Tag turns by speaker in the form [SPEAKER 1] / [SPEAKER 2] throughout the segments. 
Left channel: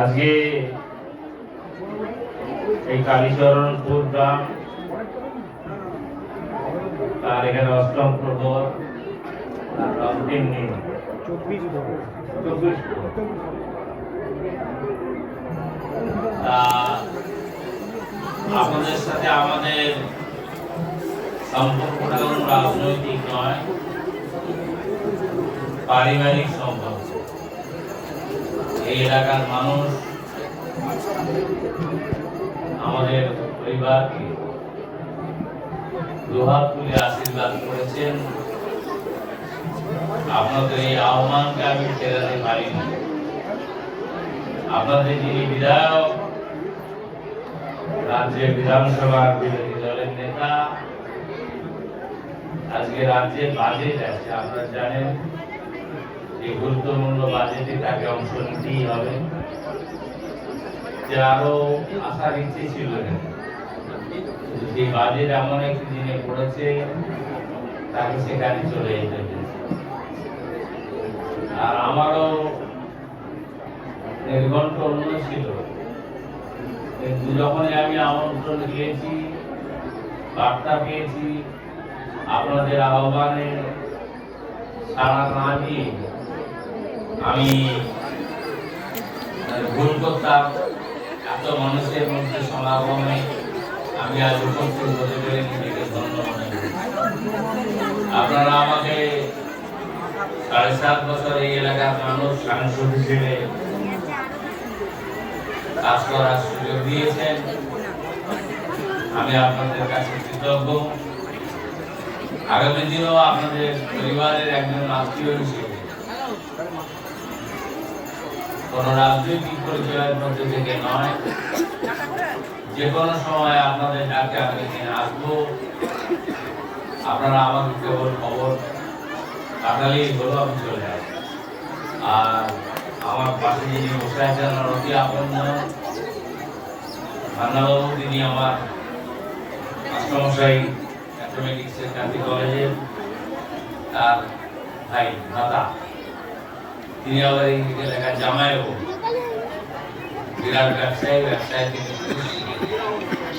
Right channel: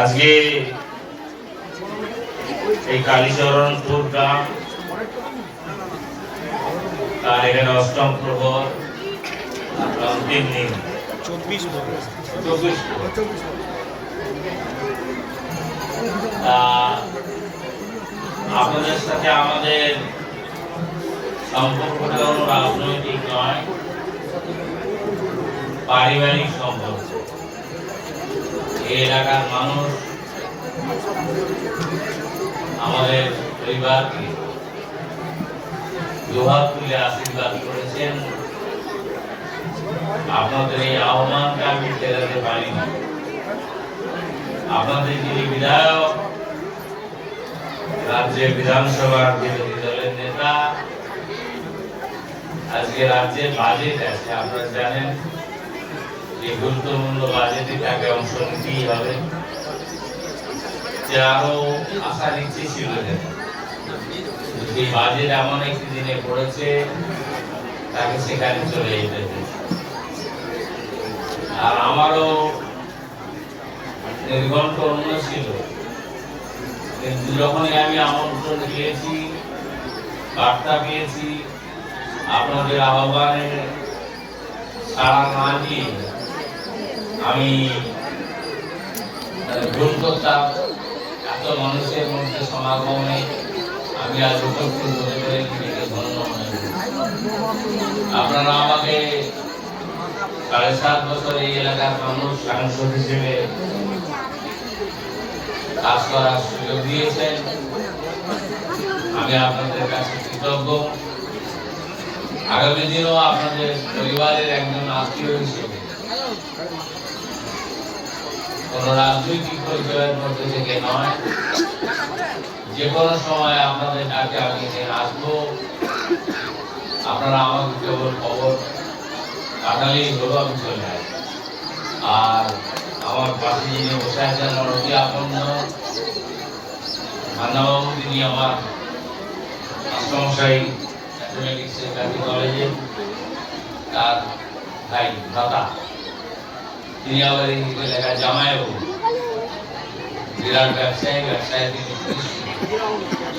[SPEAKER 1] আজকে এই কালীচরণ গ্রাম তার এখানে অষ্টম প্রহর অন্তিম দিন।
[SPEAKER 2] চব্বিশ
[SPEAKER 1] চব্বিশ আপনাদের সাথে আমাদের সম্পর্কটা কোনো রাজনৈতিক নয় পারিবারিক সম্পর্ক। এই এলাকার মানুষ, আমাদের পরিবারকে দুহাত তুলে আশীর্বাদ করেছেন। আপনাদের এই আহ্বানকে আমি ফেরাতে পারিনি। আপনাদের যিনি বিধায়ক, রাজ্যের বিধানসভার বিরোধী দলের নেতা, আজকে রাজ্যের বাজেট আছে, আপনারা জানেন। যে গুরুত্বপূর্ণ বাজেটে তাকে অংশ নিতেই হবে আরও আশার ইচ্ছে ছিল যে বাজেট এমন একটি দিনে পড়েছে, তাকে সেখানে চলে যেতে আর আমারও অন্য ছিল যখনই আমি আমন্ত্রণ দিয়েছি, বার্তা পেয়েছি, আপনাদের আহ্বানে সাড়া না দিয়ে আমি মানে ভুল করতাম, এত মানুষের মধ্যে সমাগমে আমি আজ উপস্থিত হতে পেরে নিজেকে ধন্য মনে করি। আপনারা আমাকে সাড়ে সাত বছর এই এলাকার মানুষ, সাংসদ হিসেবে কাজ করার সুযোগ দিয়েছেন। আমি আপনাদের কাছে কৃতজ্ঞ। আগামী দিনও আপনাদের পরিবারের একজন আত্মীয় হিসেবে কোন রাজনৈতিক পরিচয়ের মধ্যে থেকে নয়। যে কোনো সময় আপনাদের ডাকে আমি আসব। আপনারা আমাকে কেবল খবর পাঠালেই হলো আমি চলে আসব আর আমার পাশে যিনি বসে আছেন, অতি আপন মান্নাবাবু তিনি আমার মাস্টারমশাই ম্যাথমেটিক্সের চাকরি কলেজে, তার ভাই, ভাতা। তিনি আবার এই এলাকার জামাইও। বিরাট ব্যবসায়ী ব্যবসায়ী তিনি।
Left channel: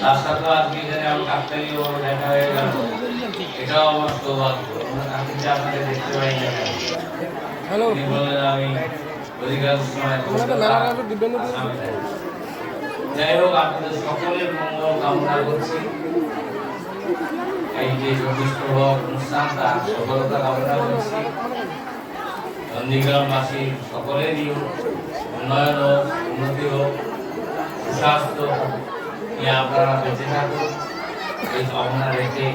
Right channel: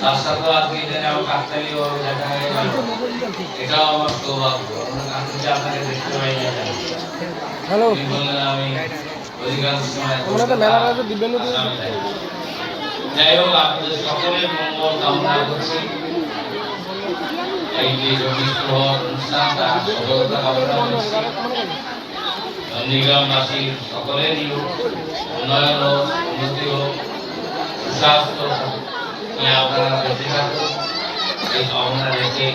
[SPEAKER 1] তার সাথেও আজকে এখানে আমার ভাবে দেখা হয়ে গেল। এটাও আমার সৌভাগ্য। কাকুকে আপনাকে দেখতে পাই না
[SPEAKER 2] হ্যালো।
[SPEAKER 1] বললেন আমি অধিকাংশ সময়। যাই হোক আপনাদের সকলের মঙ্গল কামনা করছি। এই যে চব্বিশ প্রহর অনুষ্ঠান তার সফলতা কামনা করছি। নন্দীগ্রামবাসীর সকলেরই উন্নয়ন হোক উন্নতি হোক সুস্বাস্থ্য নিয়ে আপনারা বেঁচে থাকুন। এই কামনা রেখে